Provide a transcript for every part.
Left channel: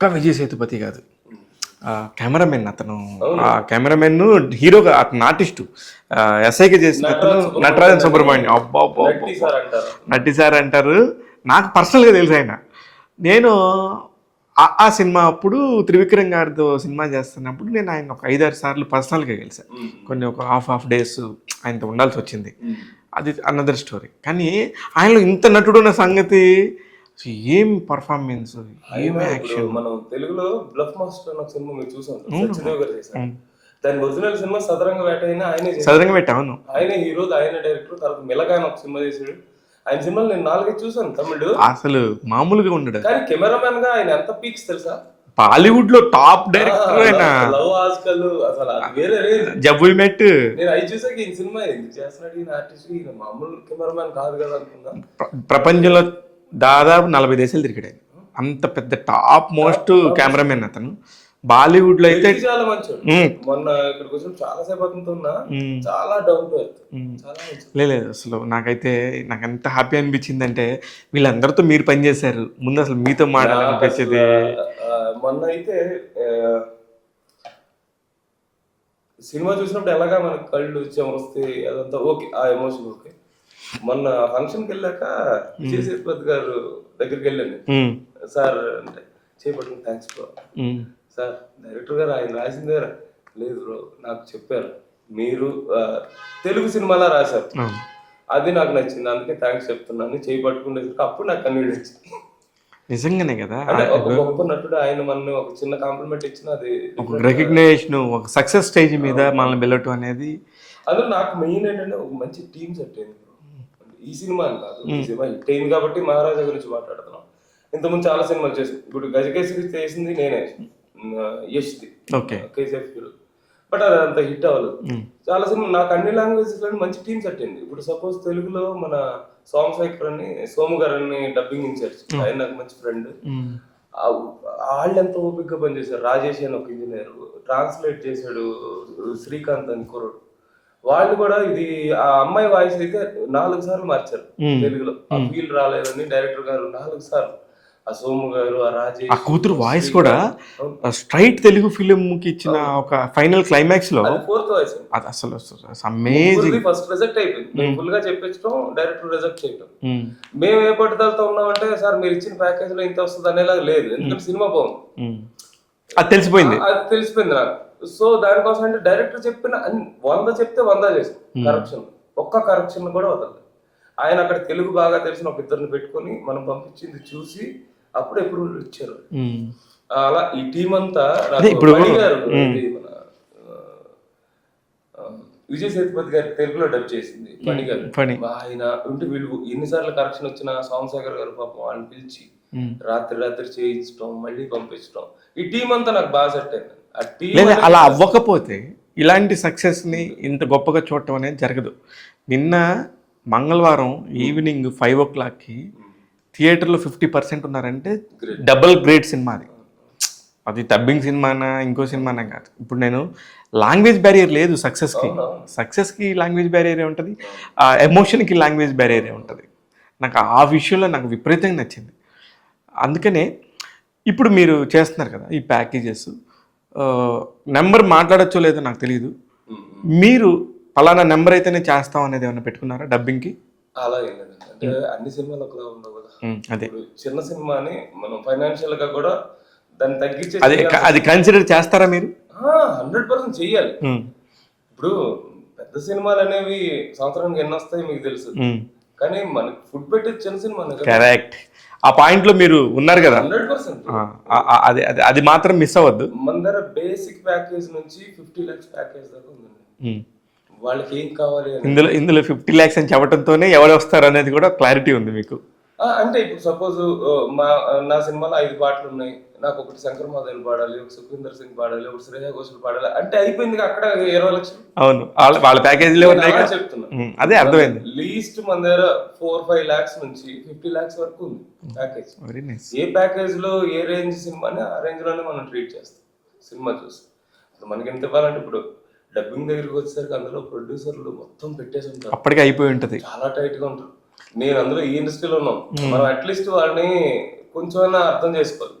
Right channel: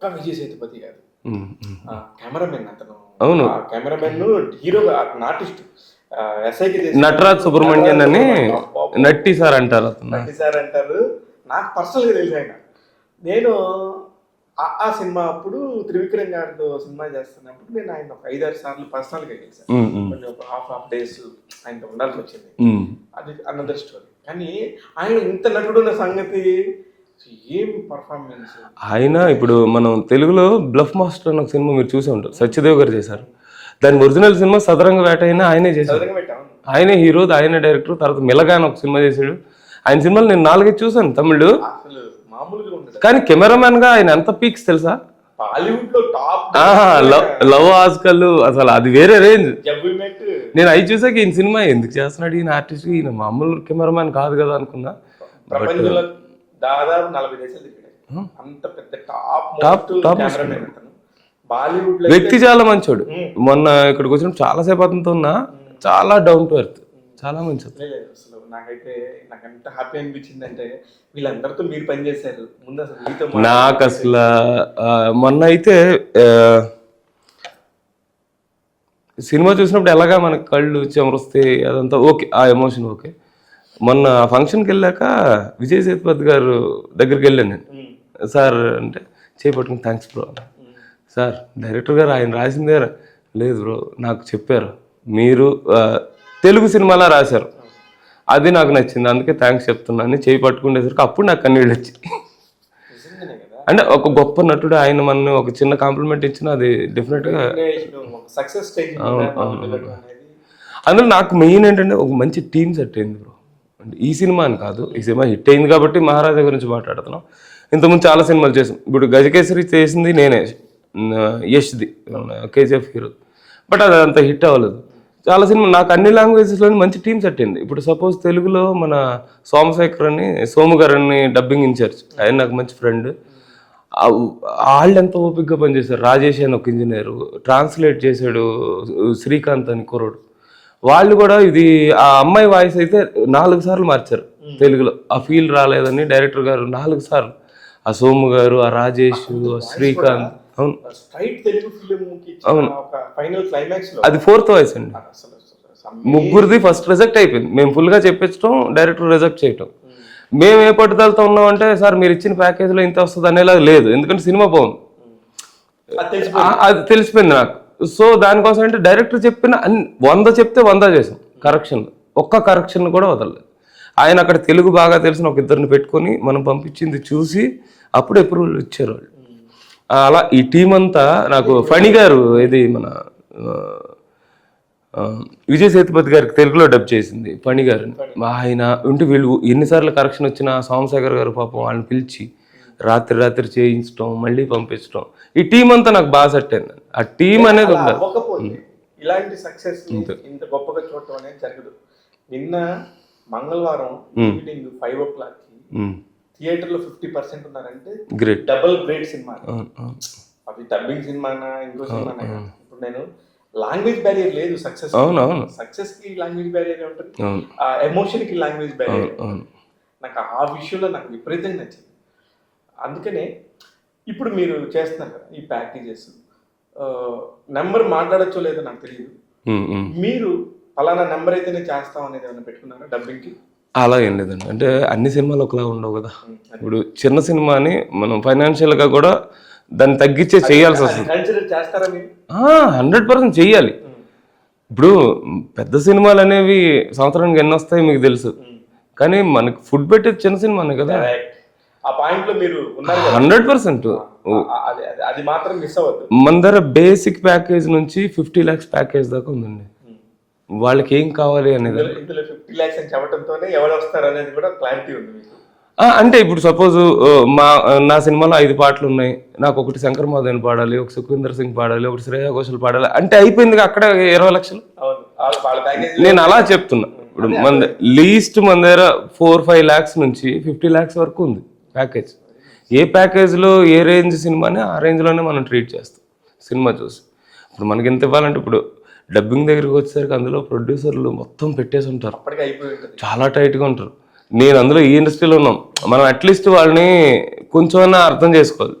ఒక్క విజయ్ సేతుపతి కాదు, కెమెరామెన్ అతను. అవును. కెమెరామెన్ హీరోగా అతను ఆర్టిస్టు ఎస్ఐకి చేసి నటరాజ్ సుబ్రహ్మణ్యం నట్టి సార్ అంటారు. నట్టి సార్ అంటారు. నాకు పర్సనల్గా తెలుసు ఆయన. నేను ఆ సినిమా అప్పుడు త్రివిక్రమ్ గారితో సినిమా చేస్తున్నప్పుడు నేను ఆయన ఒక 5-6 సార్లు పర్సనల్గా కలిసాను. కొన్ని ఒక హాఫ్ డేస్ ఆయనతో ఉండాల్సి వచ్చింది. అది అనదర్ స్టోరీ. కానీ ఆయనలో ఇంత నటుడు ఉన్న సంగతి, ఏం పర్ఫార్మెన్స్ ఆయన. ఇప్పుడు మనం తెలుగులో బ్లఫ్ మాస్టర్ అనే ఒక సినిమా మీరు చూసి ఉంటారు, సత్యదేవ్ గారు చేశారు. దాని ఒరిజినల్ సినిమా సదరంగ వేట అయినా ఆయనే చేశారు. సదరంగ వేట, అవును, ఆయనే హీరో, ఆయనే డైరెక్టర్. తర్వాత మిలగాన్ ఒక సినిమా చేశాడు. ఆయన సినిమాలు నేను 4 చూసాను తమిళ్. అసలు మామూలుగా ఉండడు. కానీ కెమెరామెన్ గా ఆయన ఎంత పీక్స్ తెలుసా? బాలీవుడ్ లో టాప్ లవ్ ఆజ్కల్, అసలు అది వేరే రేంజ్. జబుల్ మెట్ నేను అవి చూసాక ఈయన సినిమా ఎందుకు చేస్తున్నాడు ఈయన ఆర్టిస్ట్, ఈయన మామూలు కెమెరామెన్ కాదు కదా అనుకున్నా. ప్రపంచంలో దాదాపు 40 దేశాలు తిరిగాడు. అంత పెద్ద టాప్ మోస్ట్ కెమెరామెన్ అతను. బాలీవుడ్ లో వ్యక్తి చాలా మంచోడు. మొన్న ఇక్కడికి వచ్చిన చాలా సేపు అతనితో ఉన్నా, చాలా డౌన్ టు ఎర్త్, చాలా మంచి. లేదు అసలు నాకు ఎంత హ్యాపీ అనిపించింది అంటే, వీళ్ళందరితో మీరు పనిచేశారు ముందు, అసలు మీతో నాకు అసలు మొన్న అయితే సినిమా చూసినప్పుడు ఎలాగా మనకి కళ్ళు చెమరుస్తాయి, అదంతా ఓకే, ఆ ఎమోషన్ ఓకే. మొన్న ఫంక్షన్కి వెళ్ళాక విజయ్ సేతుపతి గారు దగ్గరికి వెళ్ళాను నేను. సార్ అంటే చేపట్టుకుని థ్యాంక్స్ బ్రో. సార్ డైరెక్టర్ గారు ఆయన రాసిందే. లేదు బ్రో, నాకు చెప్పారు మీరు తెలుగు సినిమాలా రాశారు, అది నాకు నచ్చింది, అందుకే థ్యాంక్స్ చెప్తున్నాను. చేయి పట్టుకునేసరికి అప్పుడు నాకు కన్నీళ్ళు వచ్చి. నిజంగానే కదా, అంటే ఒక గొప్ప నటుడు ఆయన మన ఒక చిన్న కాంప్లిమెంట్ ఇచ్చిన అది డిఫరెంట్ రికగ్నిషన్, ఒక సక్సెస్ స్టేజ్ మీద మనల్ని వెళ్ళటం అనేది. అందులో నాకు మెయిన్ ఏంటంటే ఒక మంచి టీమ్ సెట్ అయింది బ్రో. ఈ సినిమా అని కాదు, ఈ సినిమా హిట్ అయింది కాబట్టి మహారాజా గురించి మాట్లాడుతున్నాం. ఇంతకుముందు చాలా సినిమాలు చేసాం. ఇప్పుడు గజకేసరి చేసింది నేనే, యష్ది, కేజీఎఫ్ హీరో. బట్ అది అంత హిట్ అవ్వలేదు. చాలా సినిమా నాకు అన్ని లాంగ్వేజెస్ లో మంచి టీమ్ సెట్ అయింది. ఇప్పుడు సపోజ్ తెలుగులో మన సోమశేఖర్ అని, సోము గారు అని డబ్బింగ్ ఇన్ఛార్జ్, ఆయన నాకు మంచి ఫ్రెండ్. వాళ్ళు ఎంత ఓపిక్గా పనిచేశారు. రాజేష్ అని ఒక ఇంజనీర్, ట్రాన్స్లేట్ చేశాడు శ్రీకాంత్ అని కుర్రోడు. వాళ్ళు కూడా ఇది ఆ అమ్మాయి వాయిస్ అయితే 4 సార్లు మార్చారు తెలుగులో. ఆ ఫీల్ రాలేదని డైరెక్టర్ గారు 4 సార్లు, ఆ సోము గారు, ఆ రాజేష్ కూతురు వాయిస్ కూడా స్ట్రైట్ తెలుగు ఫిలిం కి ఇచ్చిన ఒక ఫైనల్ క్లైమాక్స్ లో, అది 4th వాయిస్ అండి. అసలు ముగ్గురిది ఫస్ట్ రిజెక్ట్ అయిపోయింది. మేము ఫుల్ గా చెప్పించడం, డైరెక్టర్ రిజెక్ట్ చేయటం. మేము ఏ పట్టుదలతో ఉన్నామంటే, సార్ మీరు ఇచ్చిన ప్యాకేజ్ లో ఇంత వస్తుంది అనేలా లేదు, ఎందుకంటే సినిమా బాగుంది, అది తెలిసిపోయింది నాకు. సో దానికోసం అంటే డైరెక్టర్ చెప్పిన 100 చెప్తే 100 చేసాం కరెక్షన్, ఒక్క కరెక్షన్ కూడా వదలలేదు. ఆయన అక్కడ తెలుగు బాగా తెలిసిన ఒక 2 పెట్టుకొని మనం పంపించింది చూసి అప్పుడు అప్రూవల్ ఇచ్చారు వాళ్ళు. అలా ఈ టీం అంతా నాకు పణి గారు, ఇది మన విజయ్ సేతుపతి గారికి తెలుగులో డబ్ చేసింది పణి గారు. ఆయన ఉంటే వీళ్ళు ఎన్నిసార్లు కరెక్షన్ వచ్చినా సోమశేఖర్ గారు పాపం వాళ్ళని పిలిచి రాత్రి చేయించడం, మళ్ళీ పంపించడం, ఈ టీం అంతా నాకు బాగా సెట్ అయింది. ఆ టీం అనేది అలా అవ్వకపోతే ఇలాంటి సక్సెస్ ని ఇంత గొప్పగా చూడటం అనేది జరగదు. నిన్న మంగళవారం ఈవినింగ్ 5 o'clock థియేటర్లో 50% ఉన్నారంటే డబుల్ గ్రేట్ సినిమా. అది డబ్బింగ్ సినిమానా ఇంకో సినిమానా కాదు. ఇప్పుడు నేను లాంగ్వేజ్ బ్యారియర్ లేదు సక్సెస్. సక్సెస్ కి లాంగ్వేజ్ బ్యారియర్ ఉంటుంది, ఆ ఎమోషన్ కి లాంగ్వేజ్ బ్యారియర్ ఉంటుంది. నాకు ఆ విషయంలో నాకు విపరీతంగా నచ్చింది. అందుకనే ఇప్పుడు మీరు చేస్తున్నారు కదా ఈ ప్యాకేజెస్, నెంబర్ మాట్లాడచ్చో లేదో నాకు తెలియదు, మీరు పలానా నెంబర్ అయితేనే చేస్తాం అనేది ఏమైనా పెట్టుకున్నారా డబ్బింగ్కి? అలా ఏం లేదండి. అంటే అన్ని సినిమాలు ఒకలా ఉండవు కదా. ఇప్పుడు చిన్న సినిమాని మనం ఫైనాన్షియల్ గా కూడా దాన్ని తగ్గించే చేయాలి. అది కన్సిడర్ చేస్తారా మీరు? 100% చెయ్యాలి. ఇప్పుడు పెద్ద సినిమాలు అనేవి సంవత్సరానికి ఎన్ని వస్తాయి మీకు తెలుసు, కానీ మనకి ఫుడ్ పెట్టేది చిన్న సినిమానే కదా. కరెక్ట్, ఆ పాయింట్ లో మీరు ఉన్నారు కదా. 100%. అది మాత్రం మిస్ అవ్వద్దు. మన దగ్గర బేసిక్ ప్యాకేజ్ నుంచి 50 lakhs ప్యాకేజ్ దాకా ఉందండి. వాళ్ళకి ఏం కావాలి అని ఇందులో 50 lakhs అని చెప్పడంతోనే ఎవరు వస్తారు అనేది కూడా క్లారిటీ ఉంది మీకు. అంటే ఇప్పుడు సపోజ్ నా సినిమాలో 5 పాటలు ఉన్నాయి, నాకు ఒకటి శంకర్ మహాదేవన్ పాడాలి, ఒక సుఖవీందర్ సింగ్ పాడాలి, ఒకటి శ్రేయా ఘోషల్ పాడాలి అంటే అయిపోయింది అక్కడ 20 లక్షలు. అవును, వాళ్ళ ప్యాకేజ్. నేను అలా చెప్తున్నా. లీస్ట్ మన దగ్గర 4-5 lakhs నుంచి 50 lakhs వరకు ఉంది ప్యాకేజ్. ఏ ప్యాకేజ్ లో ఏ రేంజ్ సినిమాని ఆ రేంజ్ లోనే మనం ట్రీట్ చేస్తాం సినిమా చూసి. ఇప్పుడు మనకి ఎంత ఇవ్వాలంటే, ఇప్పుడు డబ్బింగ్ దగ్గరికి వచ్చేసరికి అందులో ప్రొడ్యూసర్లు మొత్తం పెట్టేసి ఉంటారు, అప్పటికే అయిపోయి ఉంటుంది, చాలా టైట్ గా ఉంటారు. నేను అందులో ఈ ఇండస్ట్రీలో ఉన్నాం, మనం అట్లీస్ట్ వాళ్ళని కొంచెమైనా అర్థం చేసుకోవాలి.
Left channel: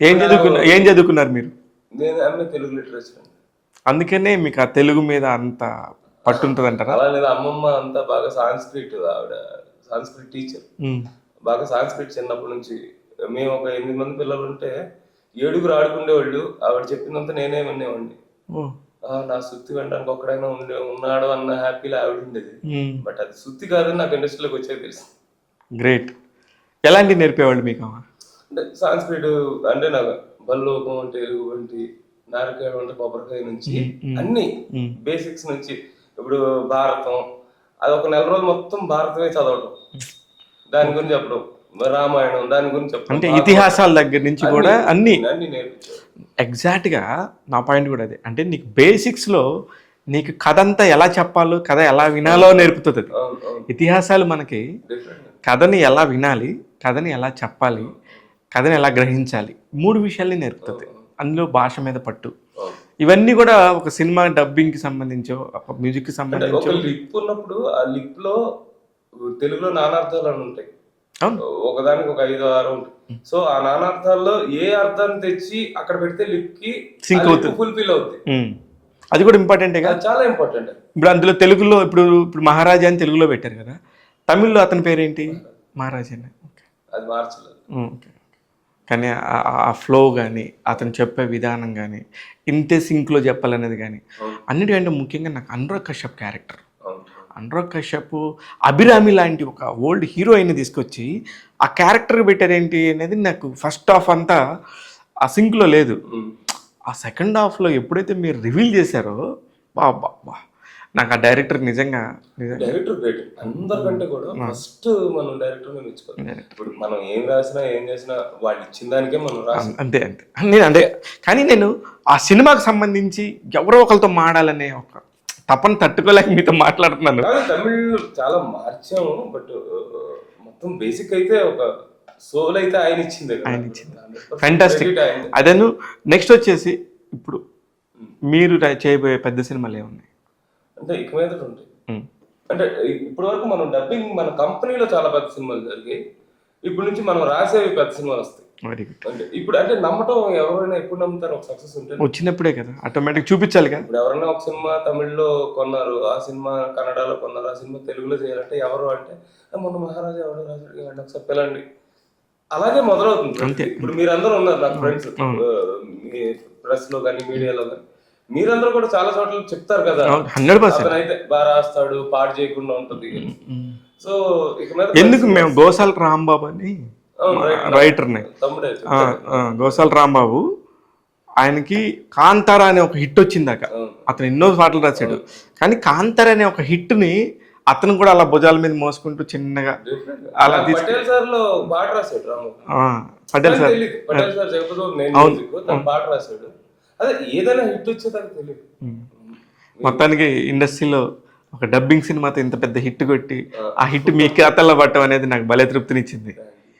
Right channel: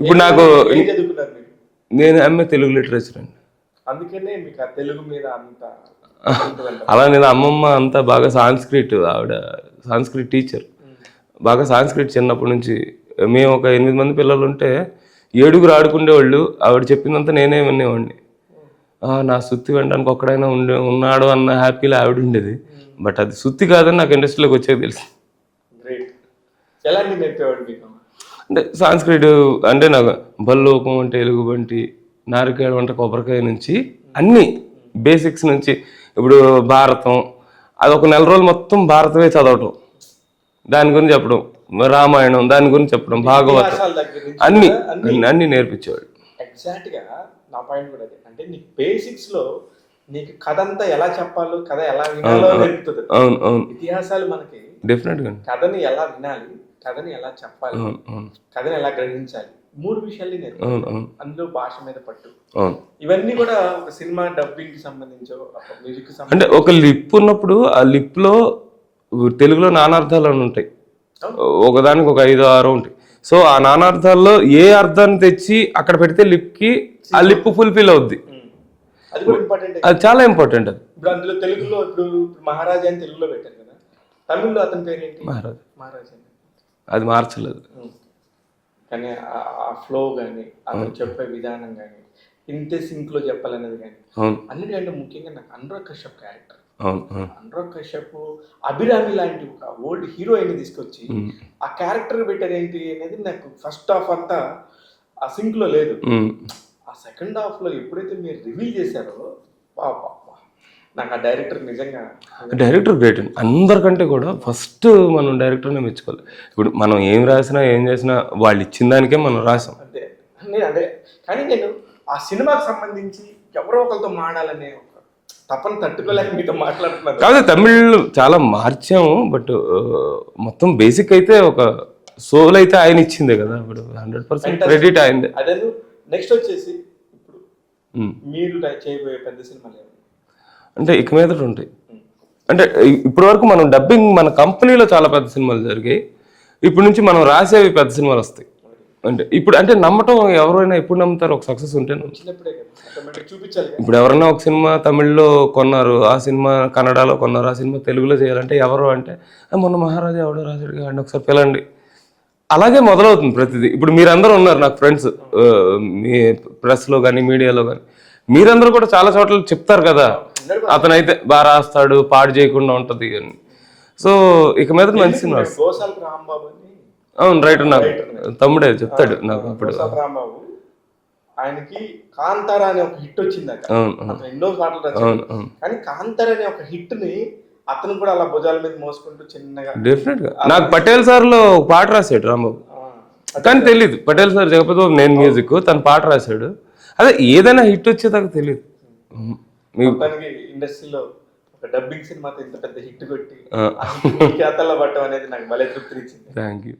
ఇప్పుడు నాకు ఏం చదువుకున్నారు మీరు? నేను ఎంఏ తెలుగు లిటరేచర్ అండి. అందుకనే మీకు ఆ తెలుగు మీద అంత పట్టుంటుంది అంటారు. అలా నేను అమ్మమ్మ అంతా బాగా సాంస్క్రిట్, ఆవిడ సాంస్క్రిట్ టీచర్, బాగా సాంస్క్రిట్ చిన్నప్పటి నుంచి. మేము ఒక 8 మంది పిల్లలు ఉంటే 7 ఆడుకునేవాళ్ళు. ఆవిడ చెప్పిందంతా నేనే వినేవాడిని. నా సుత్తి వినడానికి ఒక్కడైనా ఉన్నాడు అన్న హ్యాపీలో ఆవిడ ఉండేది. బట్ అది సుత్తి కాదని నాకు ఇండస్ట్రీలోకి వచ్చాక తెలుసు. గ్రేట్. ఎలాంటివి నేర్పేవాళ్ళు మీకు? అంటే సాంస్క్రిట్ అంటే నాకు బల్లోకం అంటే ఎలుగుబంటి, నారికేళం అంటే కొబ్బరికాయ నుంచి అన్ని బేసిక్స్ నుంచి. ఇప్పుడు భారతం, అది ఒక 4 రోజులు మొత్తం భారతమే చదవటం, దాని గురించి చెప్పడం, రామాయణం దాని గురించి చెప్పడం, ఇతిహాసాల దగ్గర నుంచి అన్ని నేర్పించేవాడు. ఎగ్జాక్ట్గా నా పాయింట్ కూడా అదే. అంటే నీకు బేసిక్స్లో నీకు కథ అంతా ఎలా చెప్పాలో, కథ ఎలా వినాలో నేర్పుతుంది. అవును అవును. ఇతిహాసాలు మనకి డెఫినెట్గా కథని ఎలా వినాలి, కథని ఎలా చెప్పాలి, కథని ఎలా గ్రహించాలి, 3 విషయాల్ని నేర్పుతుంది. అందులో భాష మీద పట్టు, ఇవన్నీ కూడా ఒక సినిమా డబ్బింగ్ కి సంబంధించో మ్యూజిక్ కి సంబంధించి. అంటే ఒక లిప్ ఉన్నప్పుడు ఆ లిప్ లో తెలుగులో నానార్థాలు అని ఉంటాయి. ఒకదానికి ఒక 5-6 ఉంటాయి. సో ఆ నానార్థాల్లో ఏ అర్థాన్ని తెచ్చి అక్కడ పెడితే లిప్ కి ఆ లిప్ ఫుల్ఫిల్ అవుద్ది. అది కూడా ఇంపార్టెంట్. అది చాలా ఇంపార్టెంట్. అది ఇప్పుడు అందులో తెలుగులో ఇప్పుడు మహారాజా అని తెలుగులో పెట్టారు కదా, తమిళ్లో అతని పేరేంటి? మహారాజా. అది మార్చలేదు. కానీ ఆ ఫ్లో కానీ, అతను చెప్పే విధానం కానీ, ఇంతే సింక్లో చెప్పాలనేది కానీ, అన్నిటికంటే ముఖ్యంగా నాకు అనురాగ్ కశ్యప్ క్యారెక్టర్. అనురాగ్ కశ్యప్ అభిరామి లాంటి ఒక ఓల్డ్ హీరోయిన్ తీసుకొచ్చి ఆ క్యారెక్టర్ పెట్టారేంటి అనేది నాకు ఫస్ట్ హాఫ్ అంతా ఆ సింక్లో లేదు. ఆ సెకండ్ హాఫ్లో ఎప్పుడైతే మీరు రివీల్ చేశారో, బా నాకు ఆ డైరెక్టర్ నిజంగా డైరెక్టర్ గ్రేట్ అండి. అందరికంటే కూడా ఫస్ట్ మనం డైరెక్టర్నే మెచ్చుకోవాలి. ఇప్పుడు మనం ఏం రాసినా ఏం చేసినా వాళ్ళు ఇచ్చిన దానికే మనం రాసాం, అంతే అంటే కానీ నేను ఆ సినిమాకి సంబంధించి ఎవరో ఒకరితో మాడాలనే ఒక తపన తట్టుకోలేక మీతో మాట్లాడుతున్నాను. కాదు, తమిళ్ చాలా మార్చాము, బట్ మొత్తం బేసిక్ అయితే ఒక సోల్ అయితే ఆయన ఇచ్చిందే కదా. 100% అదేను. నెక్స్ట్ వచ్చేసి ఇప్పుడు మీరు చేయబోయే పెద్ద సినిమాలు ఏమున్నాయి? అంటే ఇక మీద ఉంటాయి. అంటే ఇప్పటి వరకు మనం డబ్బింగ్ మన కంపెనీలో చాలా పెద్ద సినిమాలు జరిగాయి. ఇప్పుడు నుంచి మనం రాసేవి పెద్ద సినిమాలు వస్తాయి. అంటే ఇప్పుడు అంటే నమ్మటం ఎవరైనా ఎప్పుడు నమ్ముతారు? ఒక సక్సెస్ ఉంటే వచ్చినప్పుడే కదా ఆటోమేటిక్ చూపించాలి కదా. ఇప్పుడు ఎవరైనా ఒక సినిమా తమిళ్లో కొన్నారు, ఆ సినిమా కన్నడలో కొన్నారు, ఆ సినిమా తెలుగులో చేయాలంటే ఎవరు అంటే మొన్న మహారాజా ఎవడో రాశాడు కానీ ఒకసారి పిలండి, అలాగే మొదలవుతుంది ప్రతిదీ. ఇప్పుడు మీరందరూ ఉన్నారు నాకు ఫ్రెండ్స్, మీ ప్రెస్ లో కానీ మీడియాలో కానీ, మీరందరూ కూడా చాలా చోట్ల చెప్తారు కదా, అతనైతే బాగా రాస్తాడు, పాడు చేయకుండా ఉంటది అని. సో ఇక మీద మేము గోసాల రాంబాబు అని, అవును రైటర్ తమ్ముడే చెప్తాడు, గోసాల రాంబాబు, ఆయనకి కాంతారా అనే ఒక హిట్ వచ్చిందాక అతను ఎన్నో పాటలు రాశాడు. కానీ కాంతారా అనే ఒక హిట్ ని అతను కూడా అలా భుజాల మీద మోసుకుంటూ చిన్నగా, డెఫినెట్ గా నాకు పటేల్ సార్ లో పాట రాశాడు రాంబాబు, తెలీదు. పటేల్ సార్ జగపతి నేను మ్యూజిక్, తను పాట రాశాడు. అదే ఏదైనా హిట్ వచ్చేదాకా తెలియదు. మొత్తానికి ఇండస్ట్రీలో ఒక డబ్బింగ్ సినిమాతో ఇంత పెద్ద హిట్ కొట్టి ఆ హిట్ మీ ఖాతాలో పట్టడం అనేది నాకు భలే తృప్తినిచ్చింది. Thank you.